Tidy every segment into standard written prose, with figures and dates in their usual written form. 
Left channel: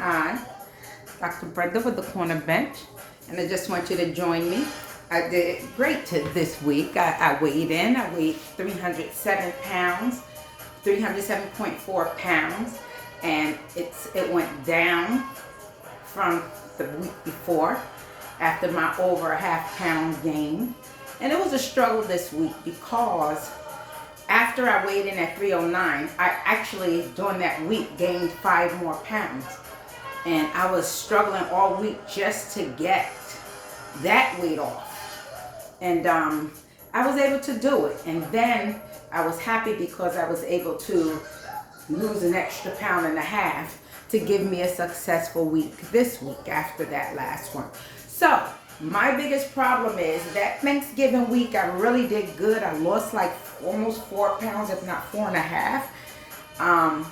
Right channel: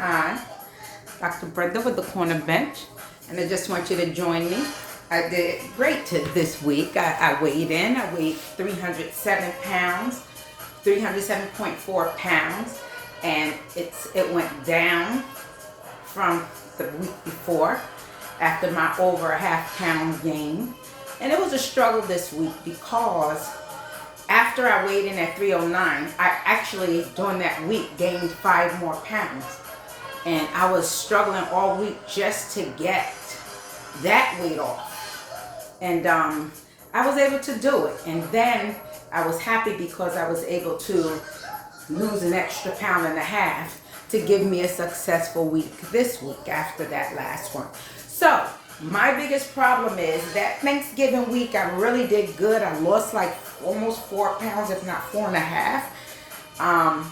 Hi, Dr. Brenda with the Corner Bench, and I just want you to join me. I did great this week. I weighed in. I weighed 307 pounds, 307.4 pounds, and it went down from the week before after my over a half pound gain. And it was a struggle this week because after I weighed in at 309, I actually during that week gained 5 more pounds. And I was struggling all week just to get that weight off. And I was able to do it. And then I was happy because I was able to lose an extra pound and a half to give me a successful week this week after that last one. So my biggest problem is that Thanksgiving week, I really did good. I lost like almost 4 pounds, if not 4.5.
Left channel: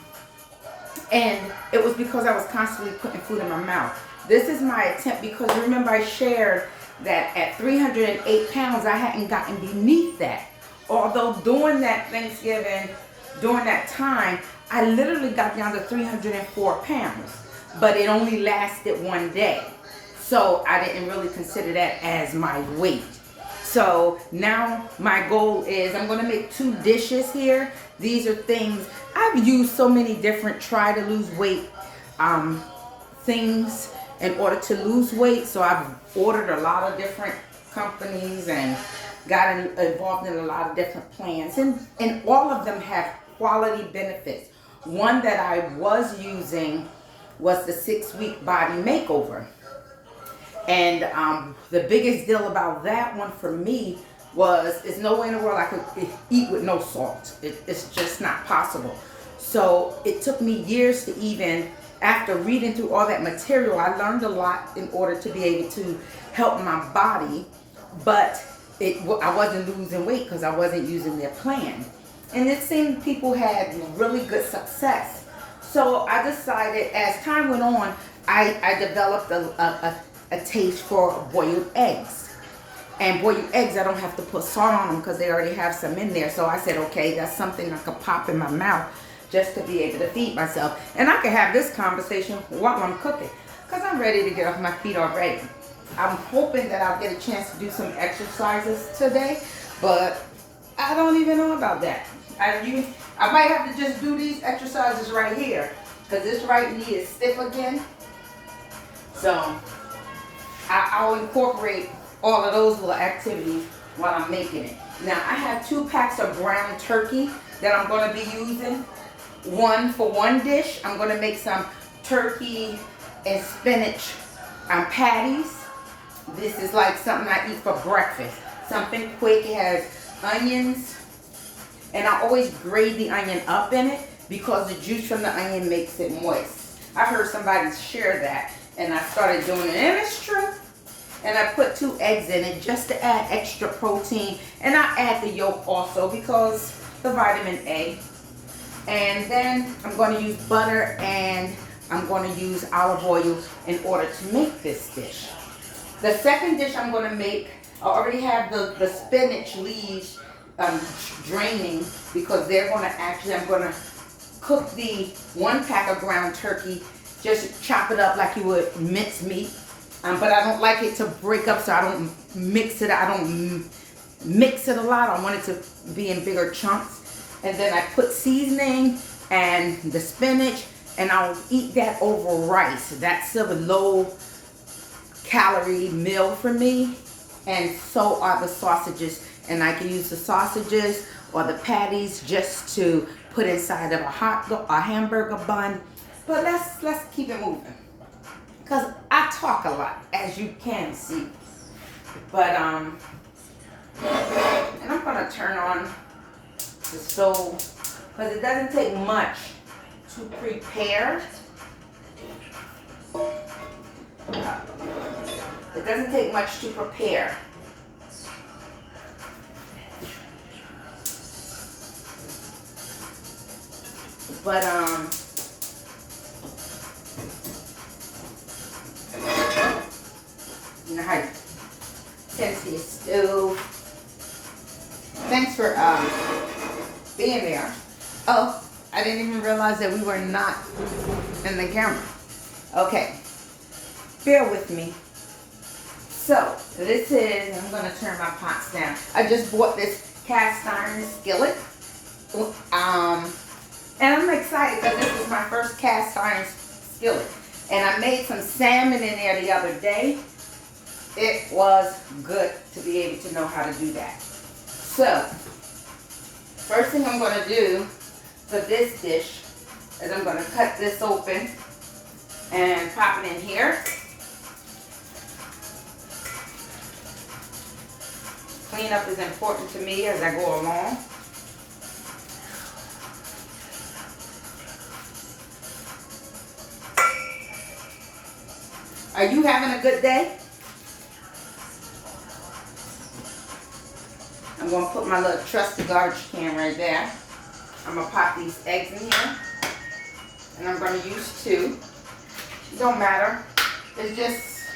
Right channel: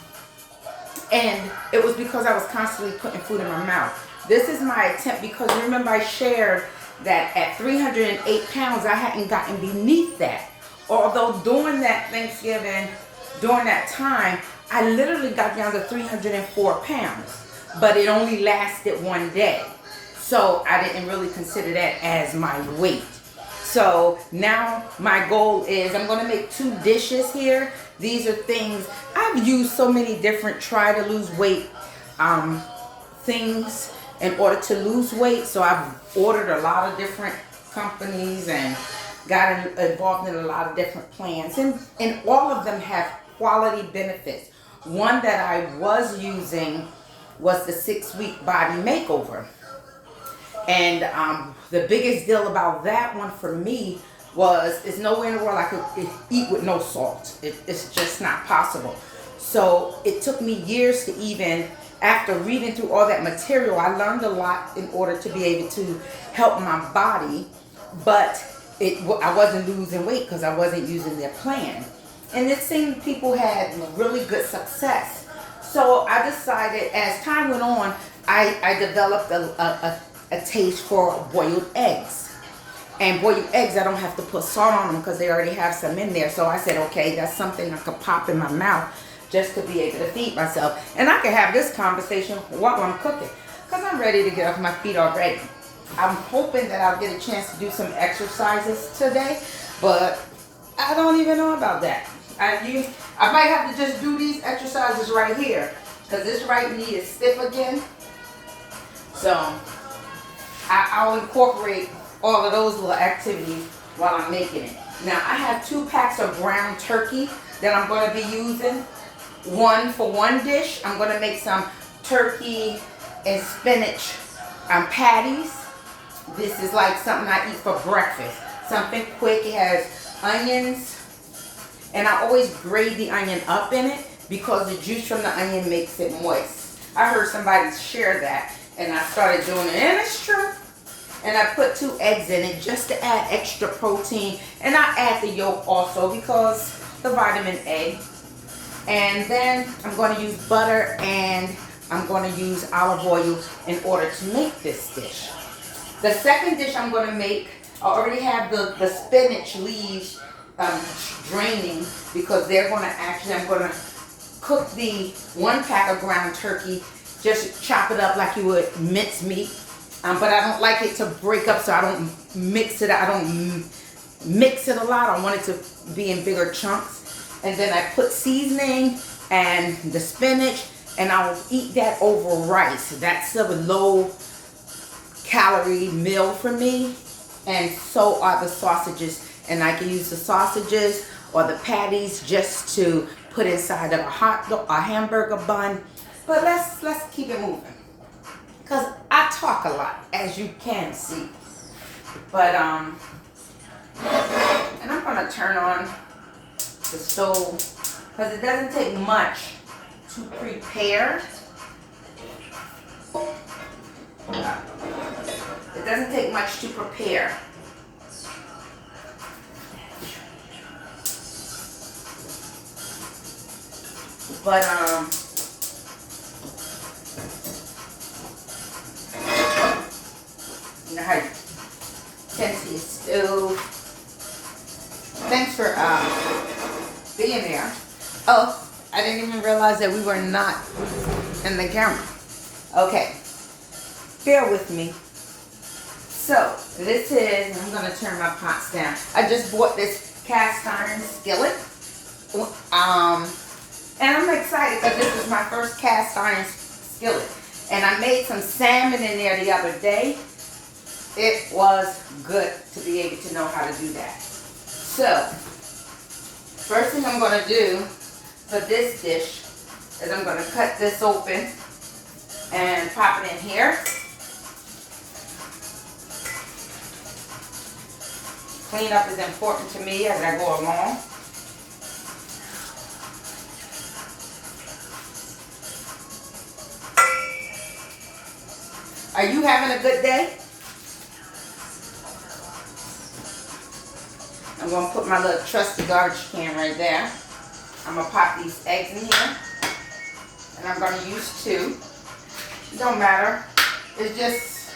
And it was because I was constantly putting food in my mouth. This is my attempt because remember I shared that at 308 pounds, I hadn't gotten beneath that. Although during that Thanksgiving, during that time, I literally got down to 304 pounds, but it only lasted one day. So I didn't really consider that as my weight. So now my goal is I'm going to make 2 dishes here. These are things I've used so many different try to lose weight things in order to lose weight. So I've ordered a lot of different companies and got involved in a lot of different plans. And all of them have quality benefits. One that I was using was the 6-week body makeover. And the biggest deal about that one for me was there's no way in the world I could eat with no salt. It's just not possible. So it took me years to even, after reading through all that material, I learned a lot in order to be able to help my body. But I wasn't losing weight because I wasn't using their plan. And it seemed people had really good success. So I decided as time went on, I developed a taste for boiled eggs. And boiled eggs, I don't have to put salt on them because they already have some in there. So I said, okay, that's something I could pop in my mouth just to be able to feed myself. And I can have this conversation while I'm cooking because I'm ready to get off my feet already. I'm hoping that I'll get a chance to do some exercises today, but I don't even know about that. I might have to just do these exercises right here because this right knee is stiff again. So I'll incorporate all of those little activities while I'm making it. Now I have 2 packs of ground turkey that I'm going to be using. One for one dish. I'm going to make some turkey and spinach patties. This is like something I eat for breakfast. Something quick. It has onions. And I always grate the onion up in it because the juice from the onion makes it moist. I heard somebody share that and I started doing it. And it's true. And I put 2 eggs in it just to add extra protein. And I add the yolk also because the vitamin A. And then I'm going to use butter and I'm going to use olive oil in order to make this dish. The second dish I'm going to make, I already have the spinach leaves draining because they're going to I'm going to cook the 1 pack of ground turkey, just chop it up like you would mince meat. But I don't like it to break up, so I don't mix it. I don't mix it a lot. I want it to be in bigger chunks. And then I put seasoning and the spinach, and I'll eat that over rice. That's a low calorie meal for me. And so are the sausages. And I can use the sausages or the patties just to put inside of a hamburger bun. But let's keep it moving. Because I talk a lot, as you can see. But, and I'm going to turn on the stove because it doesn't take much to prepare. It doesn't take much to prepare. But, you know how you tend to your stove. Thanks for being there. Oh, I didn't even realize that we were not in the camera. Okay, bear with me. So this is, I'm gonna turn my pots down. I just bought this cast iron skillet. And I'm excited because this is my first cast iron skillet. And I made some salmon in there the other day. It was good to be able to know how to do that. So, first thing I'm gonna do for this dish is I'm gonna cut this open and pop it in here. Cleanup is important to me as I go along. Are you having a good day? I'm going to put my little trusty garbage can right there. I'm going to pop these eggs in here. And I'm going to use 2. It don't matter. It's just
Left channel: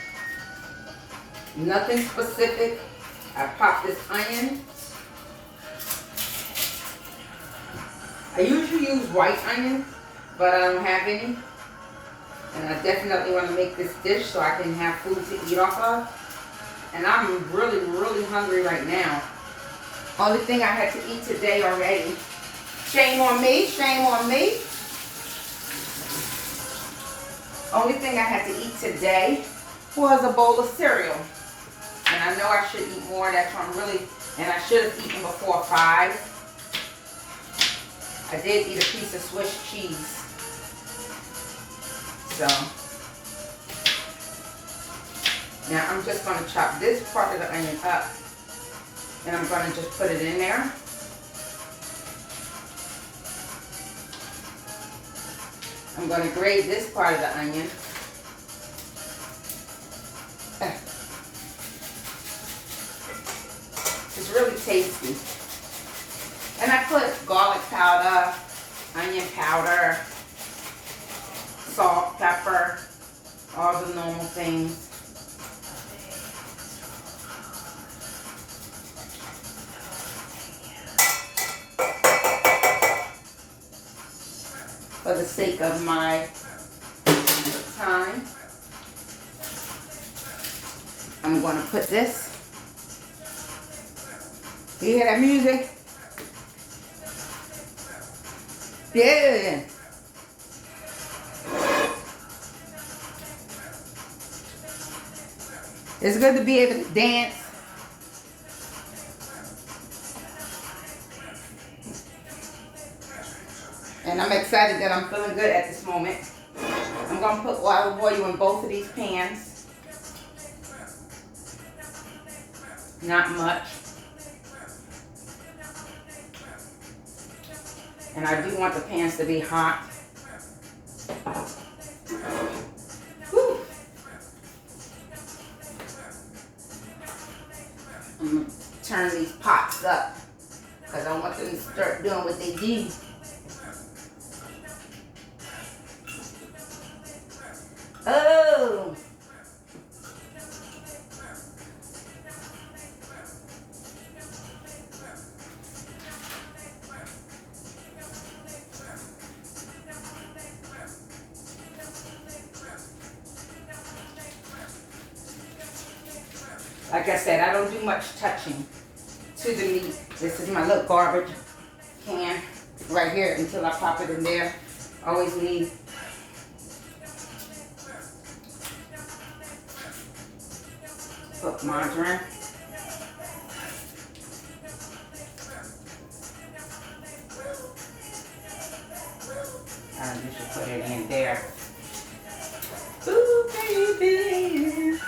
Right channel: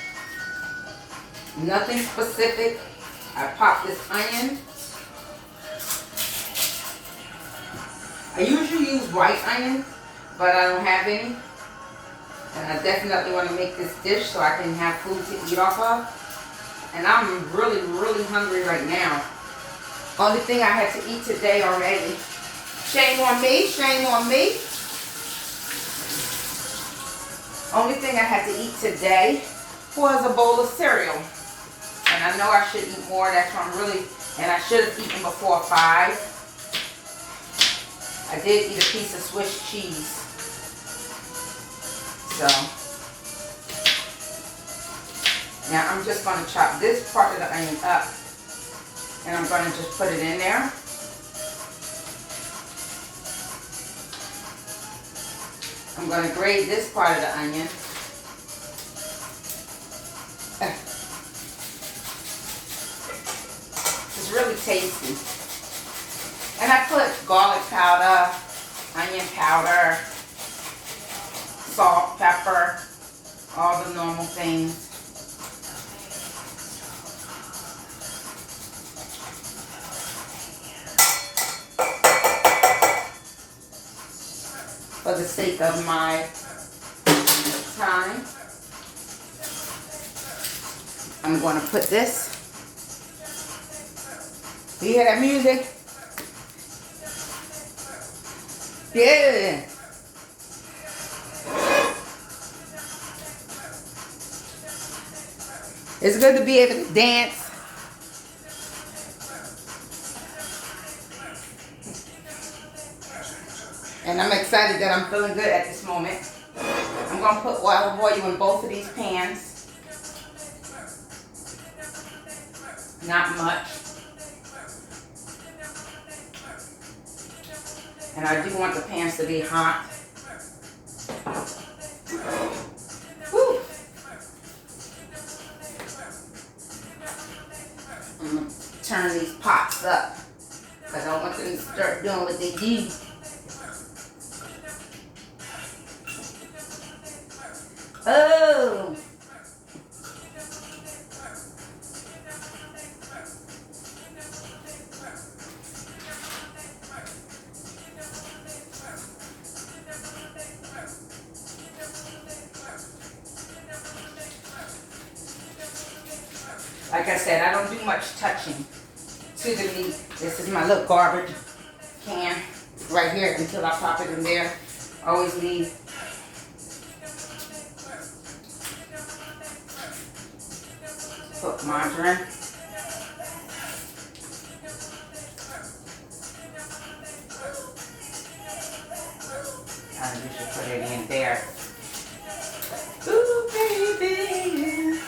nothing specific. I pop this onion. I usually use white onion, but I don't have any. And I definitely want to make this dish so I can have food to eat off of. And I'm really, really hungry right now. Only thing I had to eat today already. Shame on me, shame on me. Only thing I had to eat today was a bowl of cereal. And I know I should eat more, that's why I'm really, and I should have eaten before 5. I did eat a piece of Swiss cheese. So, now I'm just going to chop this part of the onion up. And I'm going to just put it in there. I'm going to grate this part of the onion. It's really tasty. And I put garlic powder, onion powder, salt, pepper, all the normal things. For the sake of my time, I'm going to put this. You hear that music? Yeah. It's good to be able to dance. And I'm excited that I'm feeling good at this moment. I'm going to put olive oil in both of these pans. Not much. And I do want the pans to be hot. Whew. I'm going to turn these pots up because I want them to start doing what they do. Oh! Like I said, I don't do much touching to the meat. This is my little garbage can right here until I pop it in there. Always leave put margarine. You should put it in there. Ooh, baby.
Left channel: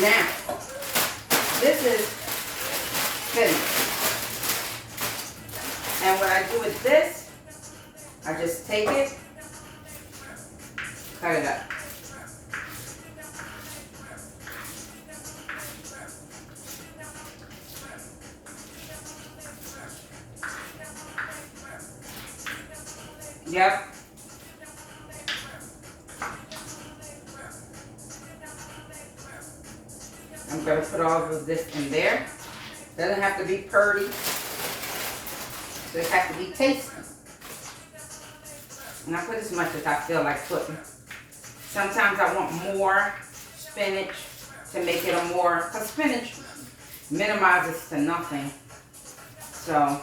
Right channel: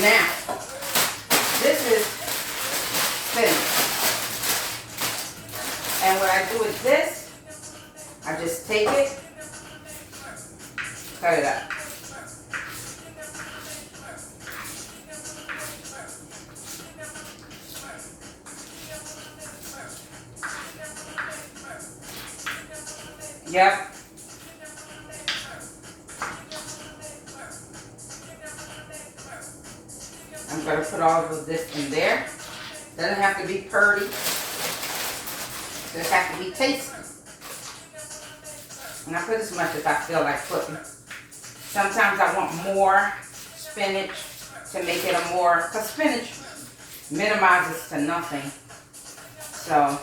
Now, this is finished. And what I do with this, I just take it, cut it up. Yep. I'm going to put all of this in there. Doesn't have to be pretty. Just have to be tasty. And I put as much as I feel like putting. Sometimes I want more spinach to make it a more, because spinach minimizes to nothing. So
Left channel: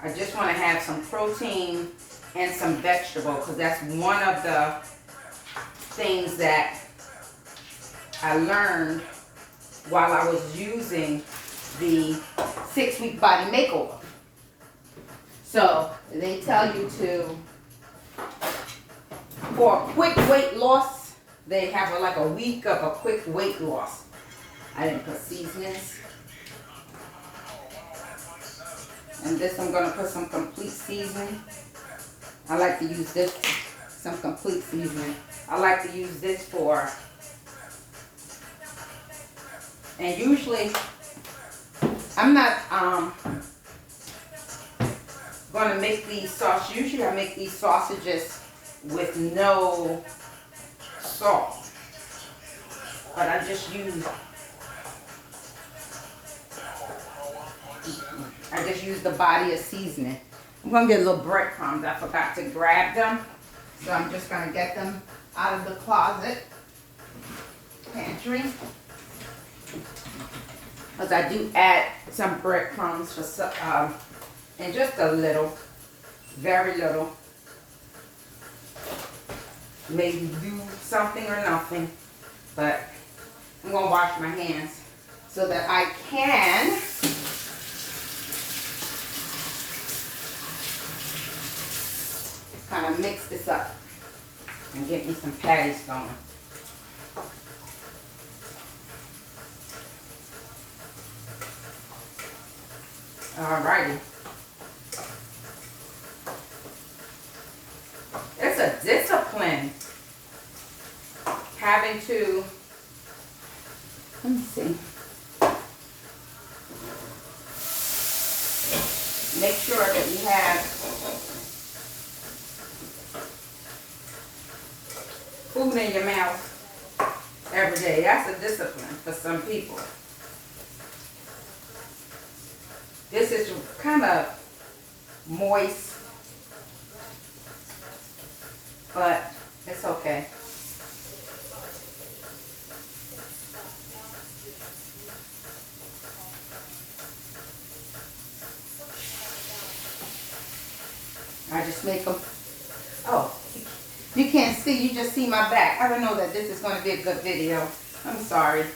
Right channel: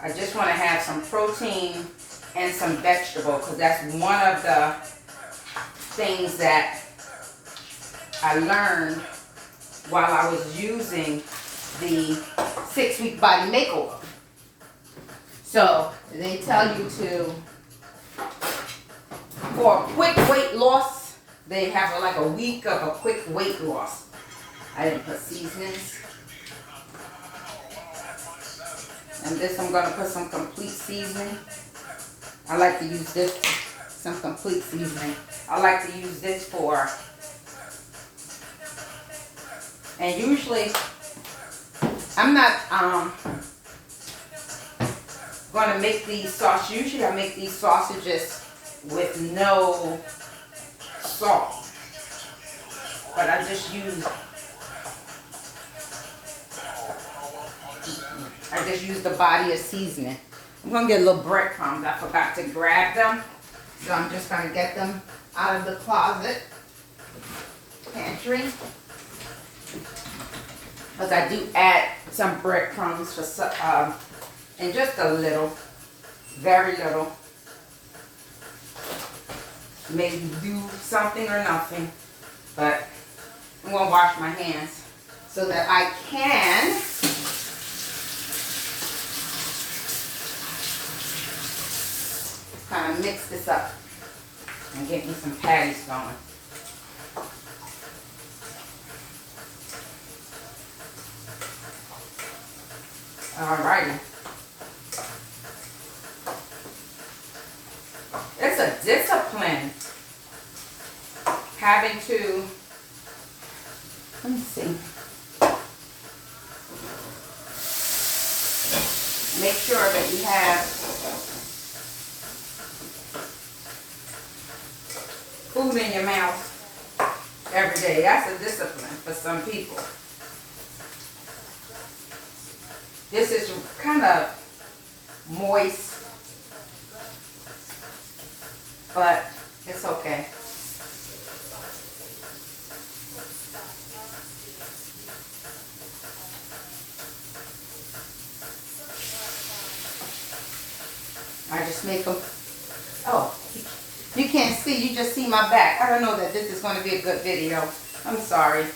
I just want to have some protein and some vegetable, because that's one of the things that I learned while I was using the 6-week body makeover. So they tell you to, for a quick weight loss, they have like a week of a quick weight loss. I didn't put seasonings. And this I'm going to put some complete seasoning. I like to use this, some complete seasoning. I like to use this for, and usually I'm not going to make these sausages. Usually I make these sausages with no salt, but I just use the body of seasoning. I'm going to get a little breadcrumbs. I forgot to grab them, so I'm just going to get them out of the closet pantry, because I do add some breadcrumbs for and just a little, very little. Maybe do something or nothing, but I'm going to wash my hands so that I can kind of mix this up and get me some patties going. Alrighty. It's a discipline having to, let me see, make sure that we have food in your mouth every day. That's a discipline for some people. This is kind of moist, but it's okay. I just make them, oh, you can't see, you just see my back. I don't know that this is going to be a good video. I'm sorry.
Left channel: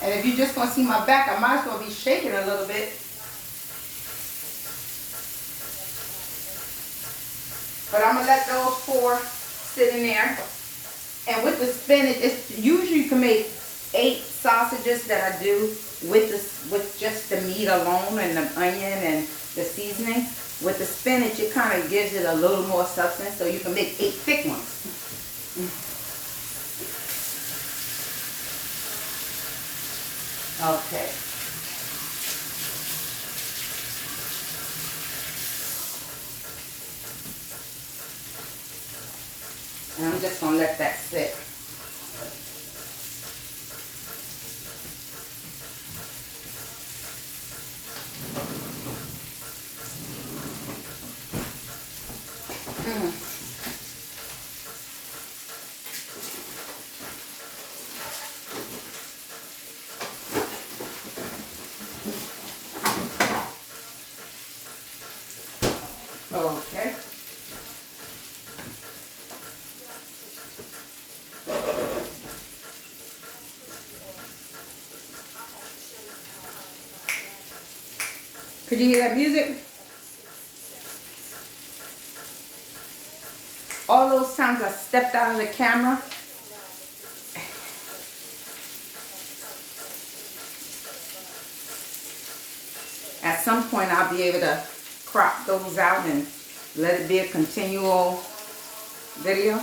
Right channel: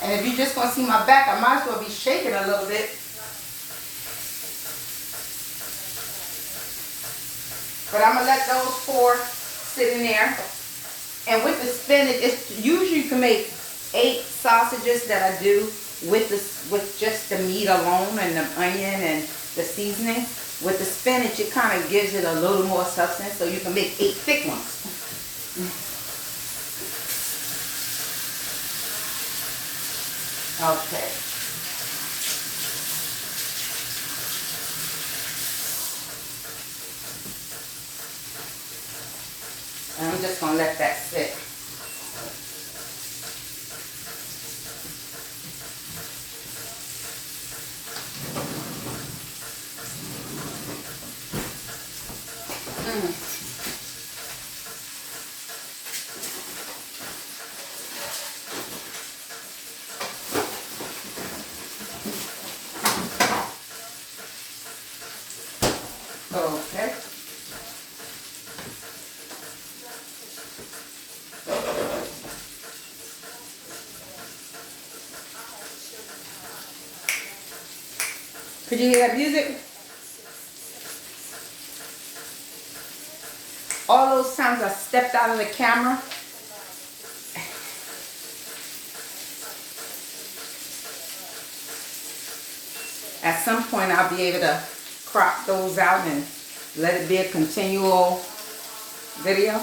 And if you're just going to see my back, I might as well be shaking a little bit. But I'm going to let those 4 sit in there. And with the spinach, it's usually you can make 8 sausages that I do with just the meat alone and the onion and the seasoning. With the spinach, it kind of gives it a little more substance, so you can make 8 thick ones. Okay. And I'm just going to let that sit. Okay. Could you hear that music? All those times I stepped out of the camera, at some point I'll be able to crop those out and let it be a continual video.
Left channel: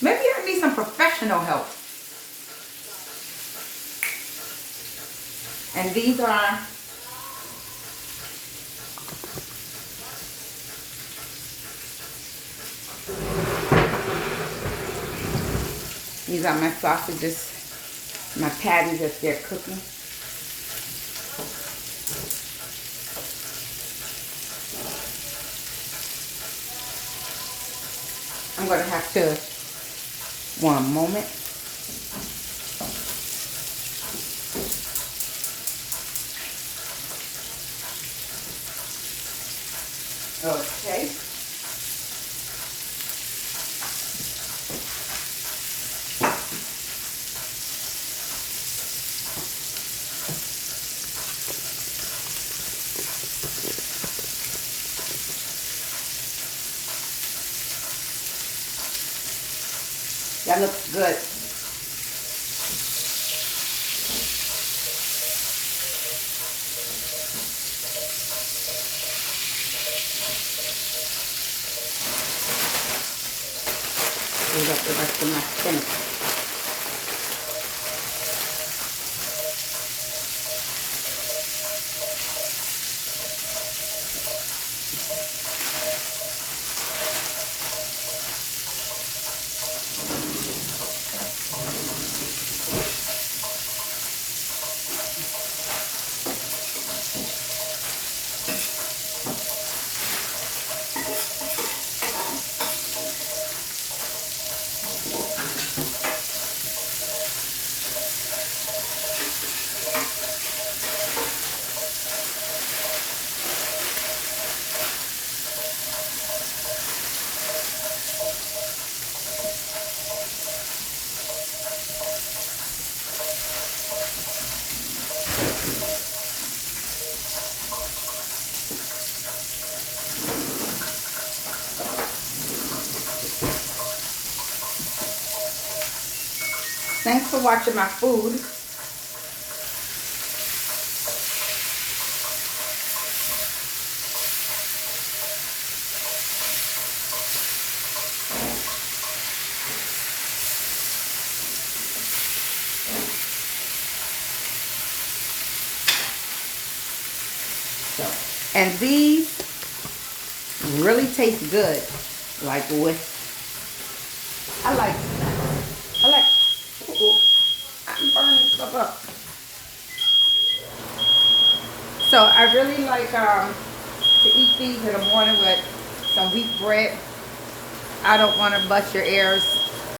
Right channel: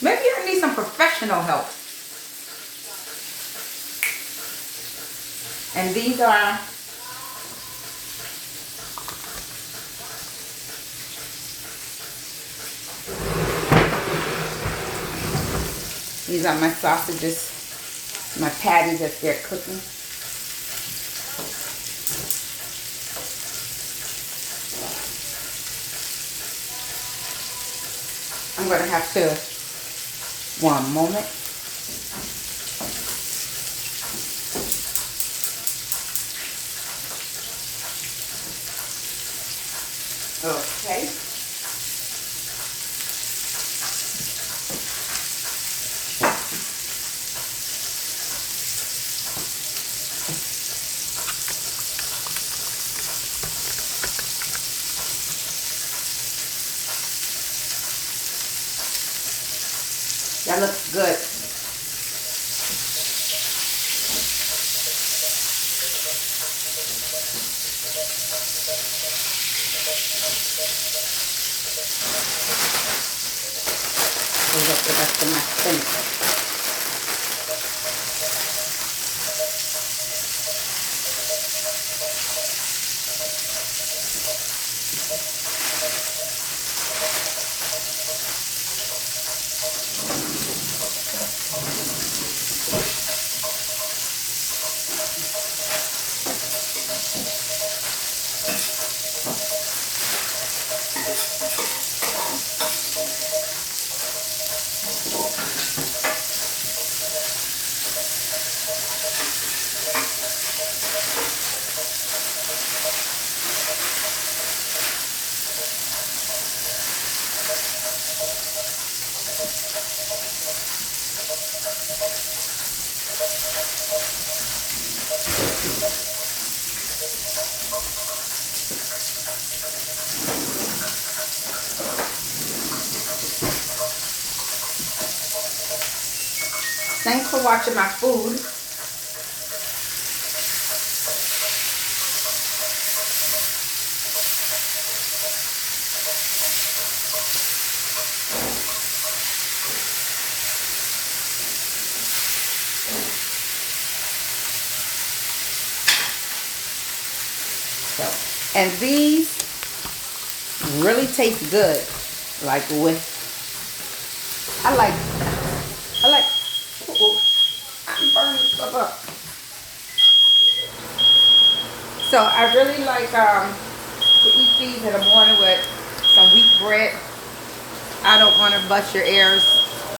Maybe I need some professional help. And these are These are my sausages, my patties as they're cooking. I'm going to have to, one moment. Okay. That looks good. Clean up the rest of my spinach. Thanks for watching my food. So, and these really taste good. Like with, I like, I'm burning stuff up. So I really like to eat these in the morning with some wheat bread. I don't want to bust your ears,